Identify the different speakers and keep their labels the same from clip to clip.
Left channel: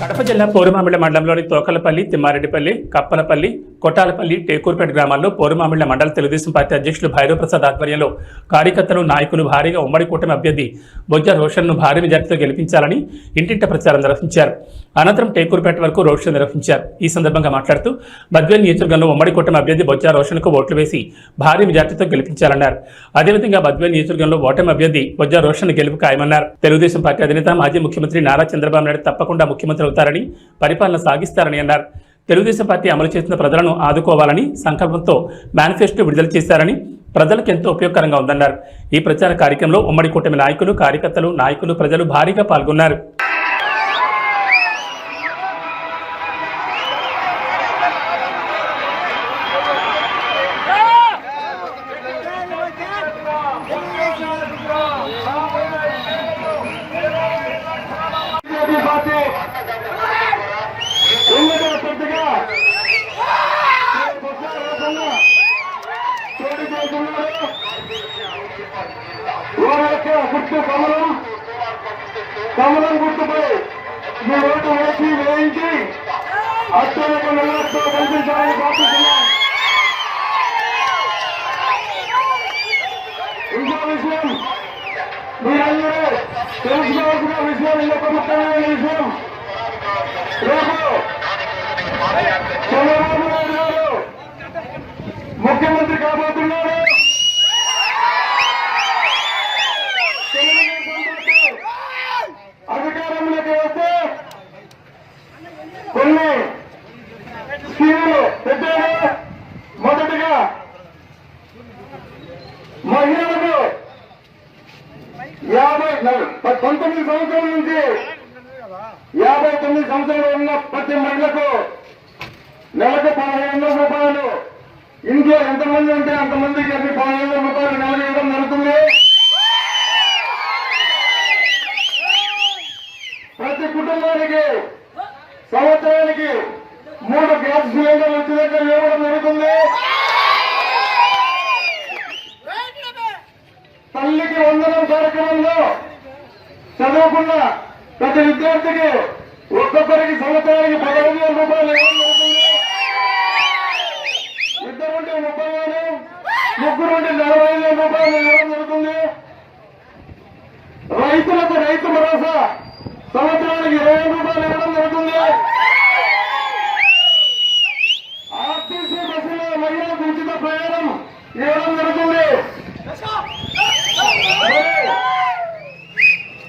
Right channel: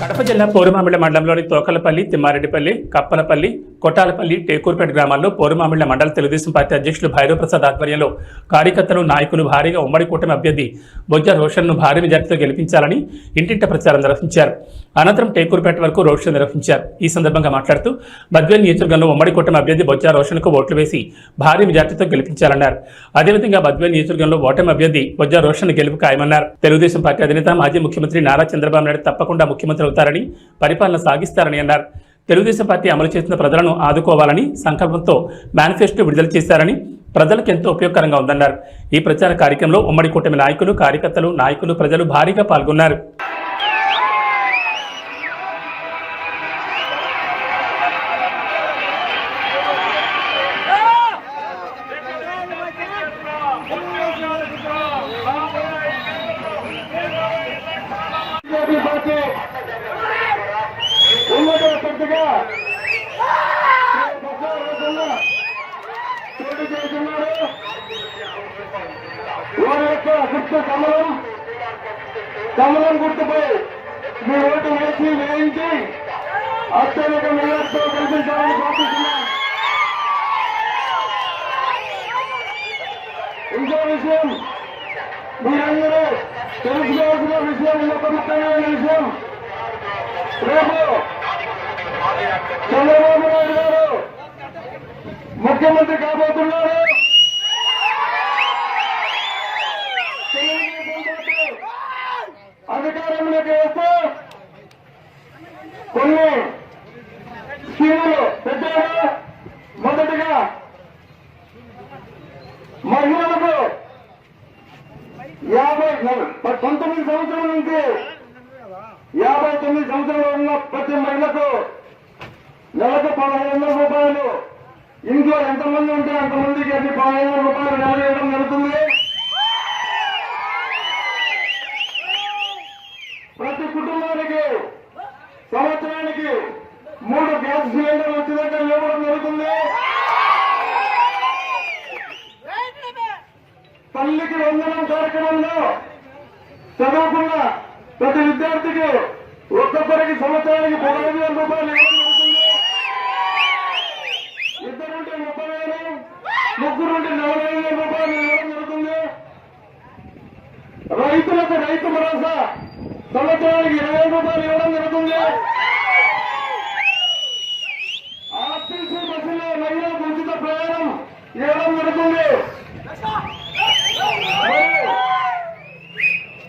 Speaker 1: కడప జిల్లా పోరుమామిళ్ళ మండలంలోని తోకలపల్లి తిమ్మారెడ్డిపల్లి కప్పలపల్లి కొట్టాలపల్లి టేకూర్పేట గ్రామాల్లో పోరుమామిళ్ళ మండల తెలుగుదేశం పార్టీ అధ్యక్షులు భైరవ్ ప్రసాద్ ఆధ్వర్యంలో కార్యకర్తలు నాయకులు భారీగా ఉమ్మడి కూటమి అభ్యర్థి బొజ్జ రోషన్ను భారీ మెజార్టీతో గెలిపించాలని ఇంటింట ప్రచారం నిర్వహించారు. అనంతరం టేకూర్పేట వరకు రోడ్ షో నిర్వహించారు. ఈ సందర్భంగా మాట్లాడుతూ బద్వేల్ నియోజకవర్గంలో ఉమ్మడి కూటమి అభ్యర్థి బొజ్జ రోషన్కు ఓట్లు వేసి భారీ మెజార్టీతో గెలిపించాలన్నారు. అదేవిధంగా బద్వేల్ నియోజకవర్గంలో ఓటమి అభ్యర్థి బొజ్జ రోషన్ గెలుపు ఖాయమన్నారు. తెలుగుదేశం పార్టీ అధినేత మాజీ ముఖ్యమంత్రి నారా చంద్రబాబు నాయుడు తప్పకుండా ముఖ్యమంత్రి అవుతారని పరిపాలన సాగిస్తారని అన్నారు. తెలుగుదేశం పార్టీ అమలు చేసిన ప్రజలను ఆదుకోవాలని సంకల్పంతో మేనిఫెస్టో విడుదల చేశారని ప్రజలకు ఎంతో ఉపయోగకరంగా ఉందన్నారు. ఈ ప్రచార కార్యక్రమంలో ఉమ్మడి కూటమి నాయకులు కార్యకర్తలు నాయకులు ప్రజలు భారీగా పాల్గొన్నారు.
Speaker 2: బీజేపీ వారి గుర్తు కమలం. కమలం గుర్తుపై మీ ఓటు వేసి వేయించి అత్యధిక మెజార్టీతో కల్పించాలని ప్రార్థిస్తున్నాం ఇంకో విషయం మీరందరూ తెలుసుకోవాల్సిన విషయం ఇంకొక ముఖ్యమైన విషయం. రేపు చంద్రబాబు నాయుడు గారు ముఖ్యమంత్రి కాబోతున్నారు. అధికారంలోకి వస్తే కొన్ని స్కీములు పెద్దగా మొదటిగా మహిళలకు యాభై పంతొమ్మిది సంవత్సరాల నుంచి యాభై తొమ్మిది సంవత్సరాలు ఉన్న ప్రతి మహిళకు నెలకు పదహైదు రూపాయలు. ఇంట్లో ఎంతమంది ఉంటే అంతమందికి అది పదిహేను రూపాయలు నెల ఇవ్వడం కుటుంబానికి సంవత్సరానికి మూడు గ్యాస్ సిలిండర్లు ఉచితంగా ఇవ్వడం జరుగుతుంది. తల్లికి వందనం కార్యక్రమంలో చదువుకున్న ప్రతి విద్యార్థికి ఒక్కొక్కరికి సంవత్సరానికి పదహైదు వేల రూపాయలు ఇవ్వడం జరుగుతుంది ఇద్దరుంటే ముప్పై వేలు ముగ్గురుంటే నలభై ఐదు వేల రూపాయలు ఇవ్వడం జరుగుతుంది రైతులకు రైతు భరోసా సంవత్సరానికి ఇరవై వేల రూపాయలు ఇవ్వడం జరుగుతుంది ఆర్టీసీ బస్సులో మహిళలకు ఉచిత ప్రయాణం ఇవ్వడం జరుగుతుంది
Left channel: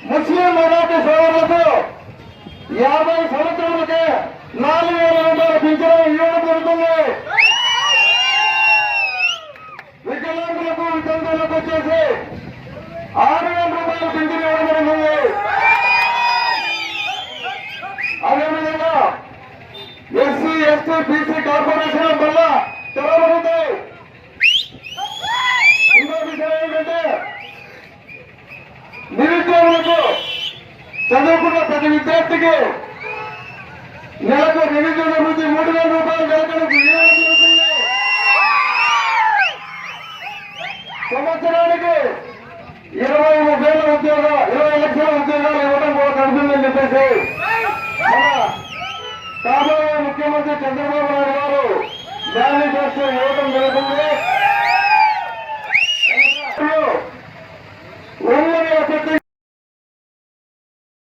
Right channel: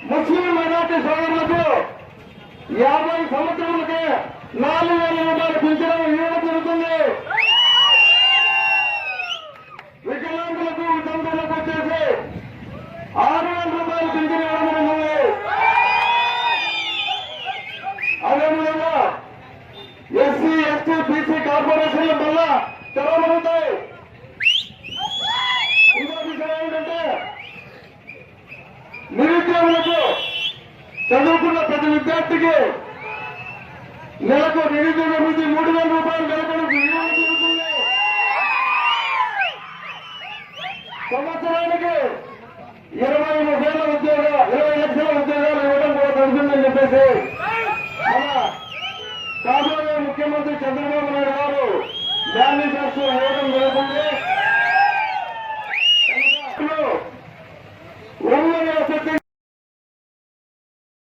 Speaker 2: ముస్లిం మైనార్టీ సోదరులకు యాభై సంవత్సరాలకే నాలుగు వేల రూపాయల పింఛను ఇవ్వడం జరుగుతుంది. వికలాంగులకు వితంతులకు వచ్చేసి ఆరు వేల రూపాయల పింఛను ఇవ్వడం జరుగుతుంది. అదేవిధంగా ఎస్సీ ఎస్టీ బీసీ కార్పొరేషన్ వల్ల తెరవబడతాయి ఇంకో విషయం ఏమిటంటే నిరుద్యోగులకు చదువుకున్న ప్రతి విద్యార్థికి నెలకు నిరుద్యోగ వృద్ధి మూడు వేల రూపాయలు నెలకు ఇవ్వడం జరుగుతుంది సంవత్సరానికి ఇరవై వేల ఉద్యోగ ఇరవై లక్షల ఉద్యోగాలు ఇవ్వడం కూడా జరుగుతుందని చెప్పేసి మన కాబోయే ముఖ్యమంత్రి చంద్రబాబు నాయుడు గారు మేనిఫెస్టో ఇవ్వడం